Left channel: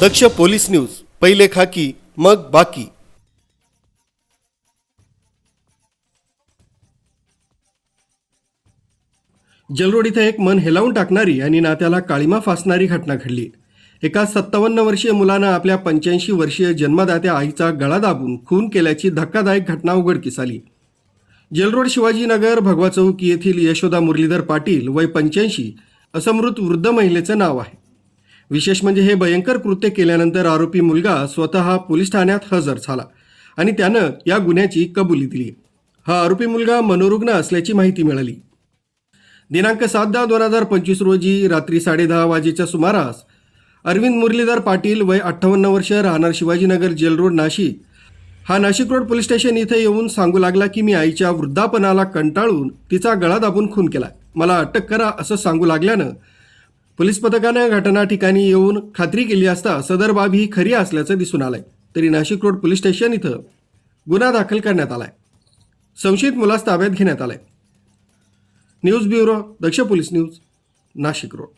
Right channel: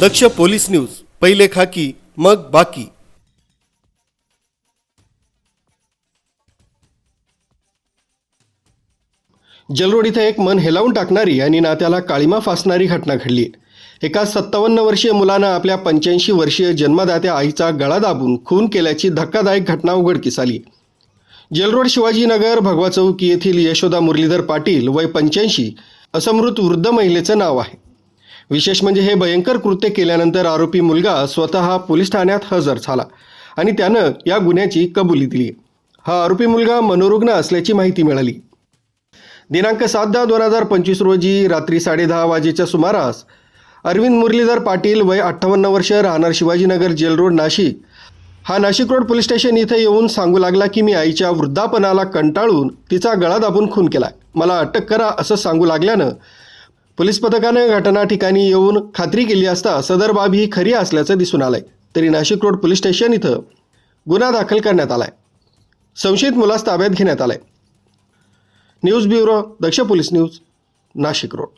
दक्ष police news पहिले खाकी मग बाकी. जलरोड इथं एक मन हेलावून टाकणारी आणि नात्याला काळीमा फासणारी घटना घडली. एका सत्तावन्न वर्षीय मुलानं आपल्या पंच्याऐंशी वर्षीय जन्मदात्या आईचा गळा दाबून खून केल्याची धक्कादायक घटना उघडकीस आली. जलरोड शिवाजीनगर भगवा चौक येथील यशोदा मुरलीधर पाटील वय पंच्याऐंशी असं मृत वृद्ध महिलेचं नाव आहे. विशेष म्हणजे हे भयंकर कृत्य केल्यानंतर आरोपी मुलगा स्वतः पोलीस ठाण्यात हजर झाला आणि त्यानं या गुन्ह्याची कबुली दिली. हा आरोपी मुलगा मनोरुग्ण असल्याची माहिती मिळाली. दिनांक सात दहा दोन हजार पंचवीस रोजी रात्री साडेदहा वाजेच्या सुमारास अरविंद मुरलीधर पाटील वय अठ्ठावन्न वर्ष राहणार शिवाजीनगर जेल रोड नाशिक हा नाशिक रोड पोलीस स्टेशन इथं येऊन सांगू लागला की मी आईच्या वृद्धापनाला कंटाळून तिचा गळा दाबून खून केला मला अटक करा असं सांगू लागल्यानं पोलीस पथकानं घटना ठिकाणी येऊन खात्री केली असता सदर बाब ही खरी असल्याचं दिसून आलंय. तरी नाशिक रोड पोलीस स्टेशन इथं गुन्हा दाखल करण्यात आलाय. संशयित मुलास ताब्यात घेण्यात आलाय. News bureau Daksh police news Nashik road.